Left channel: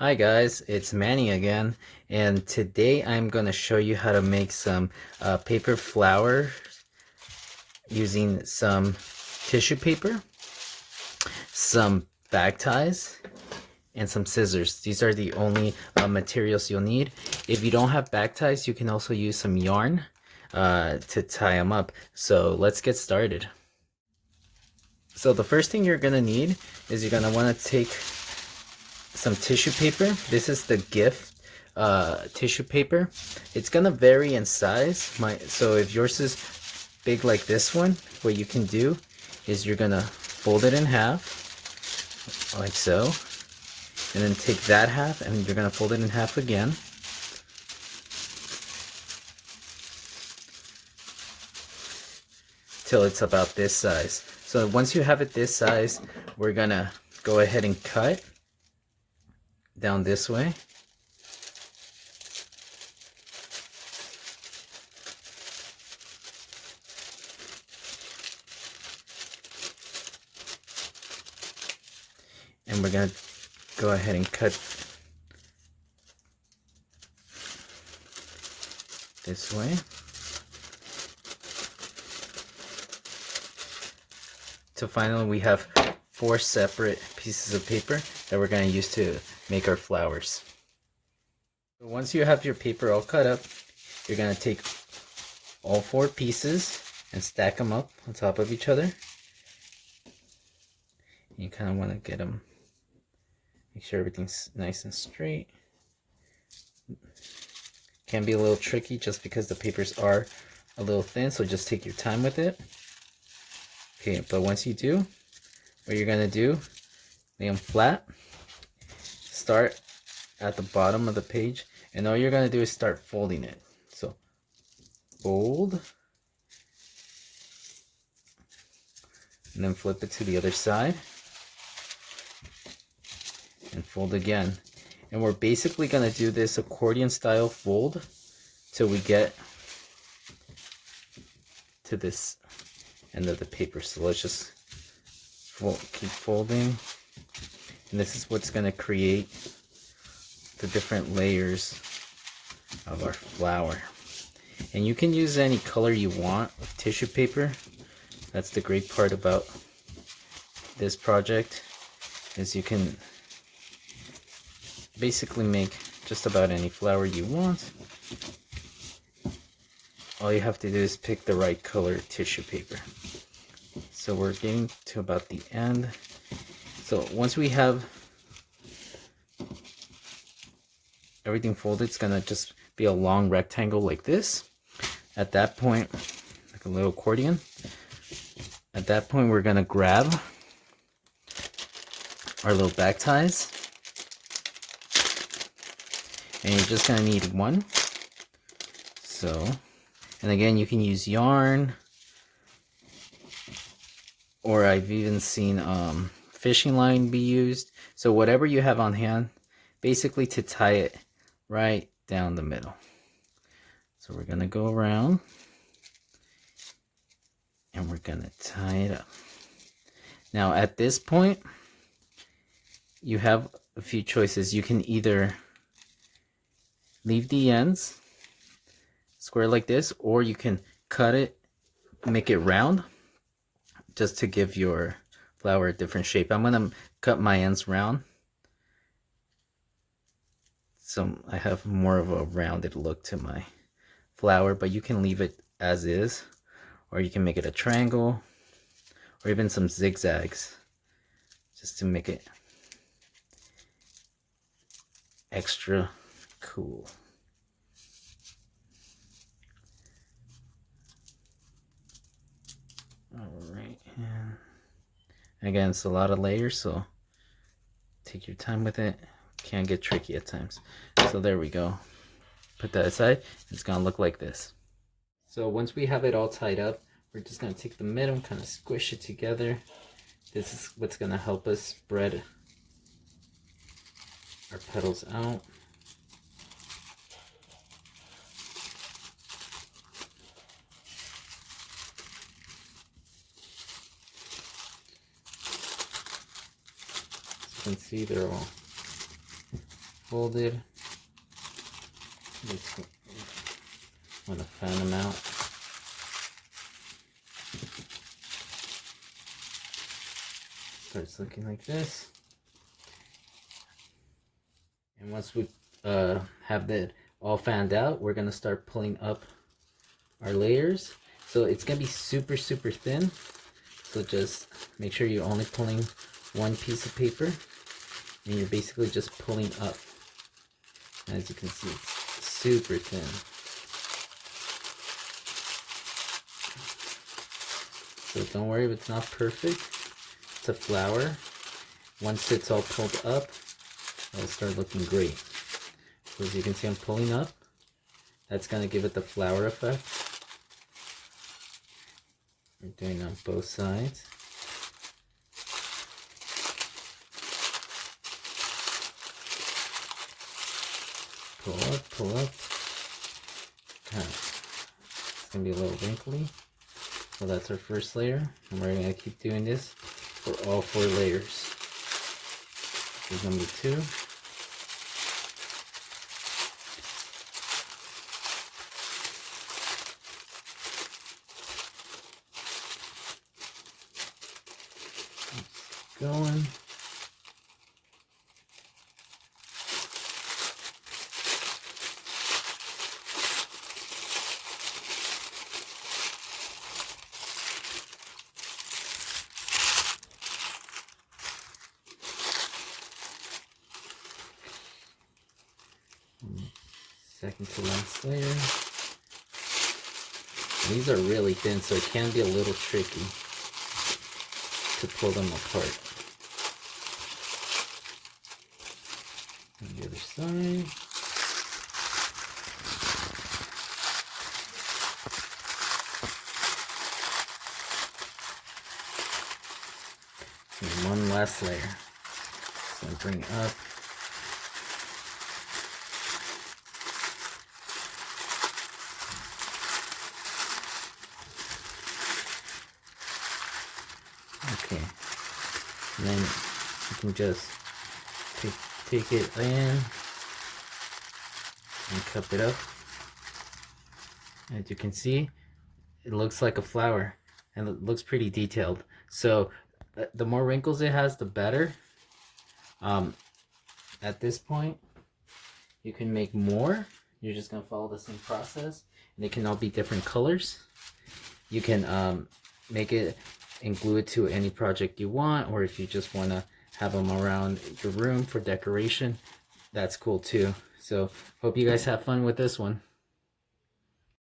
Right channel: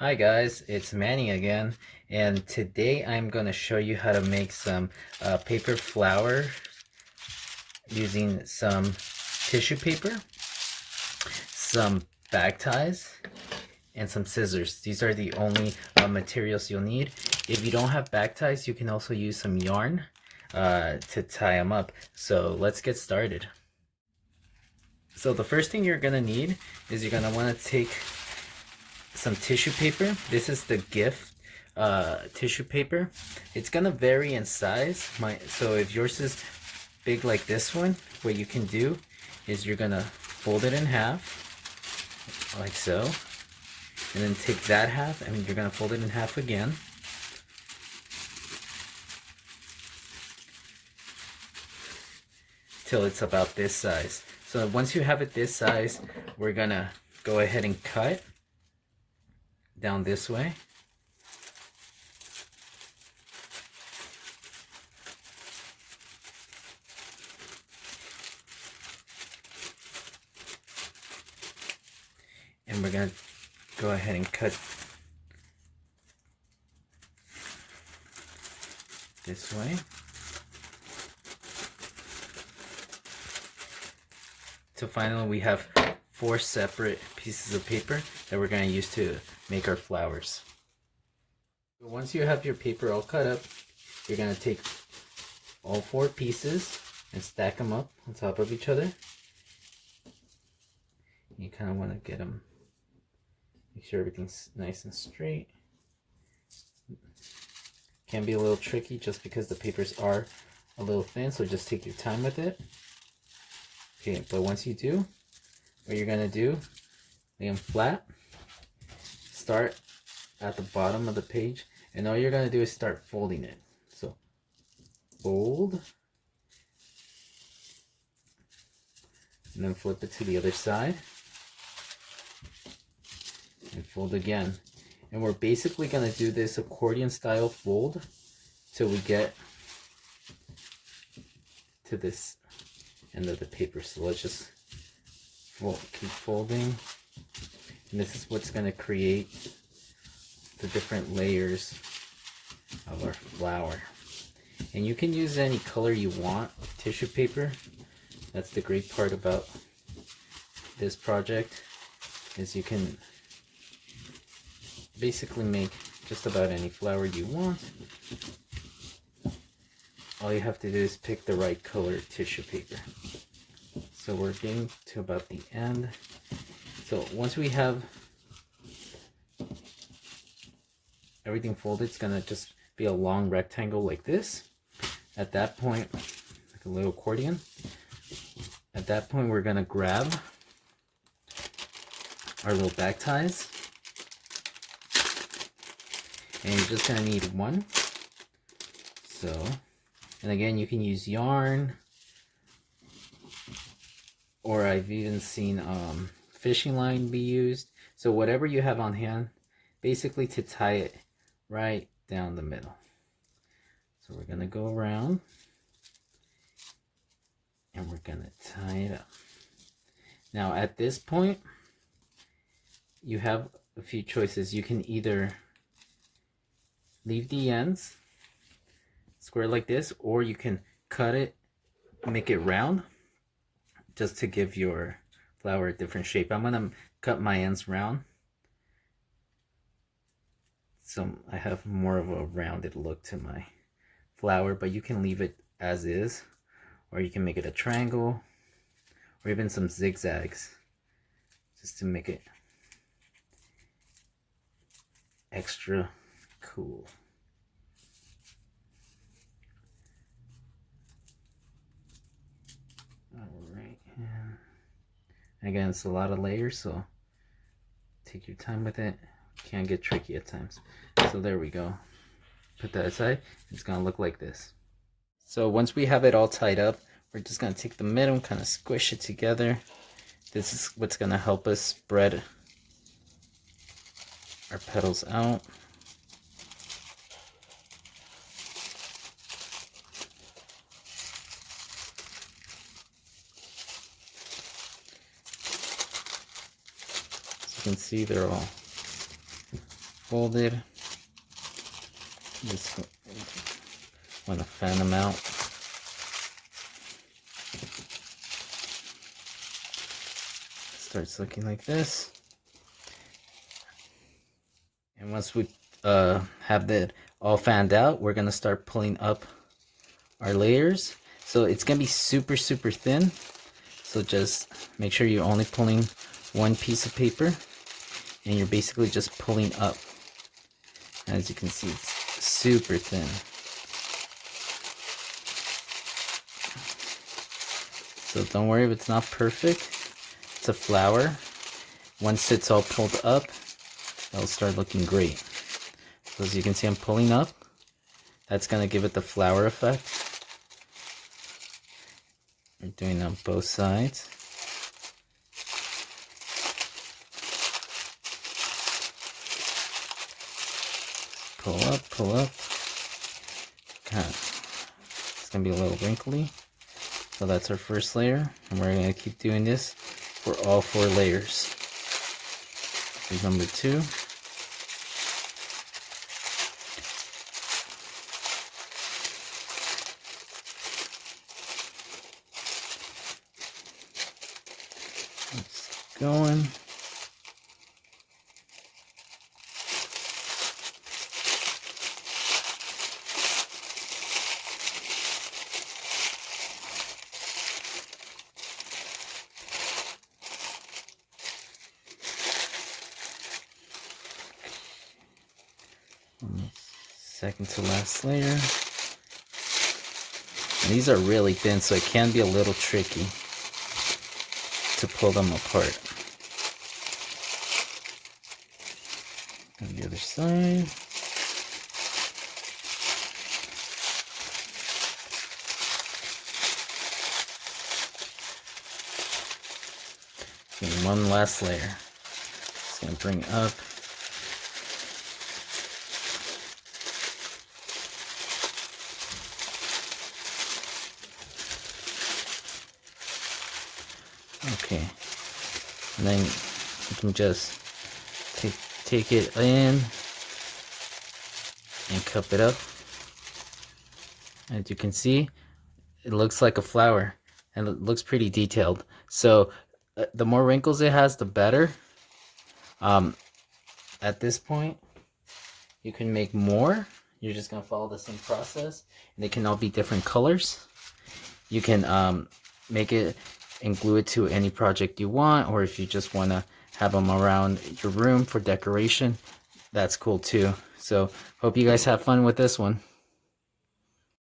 Hi guys, it's Manny again, and today I'm going to show you how to make some paper flower using some tissue paper, some bag ties, and some scissors. These are the only materials you'll need. If you don't have bag ties, you can also use some yarn to tie them up. So let's get started. So the first thing you're going to need is you're going to want to take some tissue paper. This is the gift tissue paper. It's gonna vary in size. So if yours is big like this one, what you can do is you're gonna fold it in half like so, and then take that half and you're gonna fold it in half again, till it's about this size. So once you have it this size, we're gonna go ahead and cut down this way. And we're going to go ahead and cut this way. So finally we have 4 separate pieces of paper that we're going to use to make our flowers. So once you have your paper all cut up, you're going to take all 4 pieces and stack them up on top of each other. You kind of want to get them, make sure everything's nice and straight. Can be a little tricky just because the papers are a little thin, so just take your time with it. Okay, but once you do, what you're gonna do, lay them flat, start at the bottom of the page, and all you're gonna do is start folding it. So fold, and then flip it to the other side, and fold again. And we're basically gonna do this accordion style fold till we get to this end of the paper. So let's just keep folding, and this is what's going to create the different layers of our flower. And you can use any color you want with tissue paper. That's the great part about this project, is you can basically make just about any flower you want. All you have to do is pick the right color tissue paper. So we're getting to about the end. So once we have everything folded, it's gonna just be a long rectangle like this. At that point, like a little accordion, at that point we're gonna grab our little back ties, and you're just gonna need one. So, and again, you can use yarn, or I've even seen fishing line be used. So whatever you have on hand, basically to tie it right down the middle. So we're gonna go around and we're gonna tie it up. Now at this point, you have a few choices. You can either leave the ends square like this, or you can cut it, make it round, just to give your flower a different shape. I'm gonna cut my ends round, so I have more of a rounded look to my flower, but you can leave it as is, or you can make it a triangle, or even some zigzags, just to make it extra cool. Alright, and again, it's a lot of layers, so take your time with it. Can get tricky at times. So there we go. Put that aside. It's gonna look like this. So once we have it all tied up, we're just gonna take the middle, kind of squish it together. This is what's gonna help us spread our petals out. As you can see, they're all folded. Just want to fan them out. Starts looking like this. And once we have that all fanned out, we're gonna start pulling up our layers. So it's gonna be super thin. So just make sure you're only pulling one piece of paper, and you're basically just pulling up. As you can see, it's super thin. So don't worry if it's not perfect. It's a flower. Once it's all pulled up, it'll start looking great. So as you can see, I'm pulling up. That's gonna give it the flower effect. We're doing it on both sides. Pull up. It's gonna be a little wrinkly. So that's our first layer, and we're gonna keep doing this for all 4 layers. Here's number 2. Keep going. Second to last layer. And these are really thin, so it can be a little tricky to pull them apart. On the other side. And one last layer. Just gonna bring it up. Okay, and then you can just take it in and cup it up. As you can see, it looks like a flower, and it looks pretty detailed. So the more wrinkles it has, the better. At this point, you can make more. You're just gonna follow the same process, and they can all be different colors. You can make it and glue it to any project you want, or if you just want to have them around your room for decoration, that's cool too. So hope you guys have fun with this one.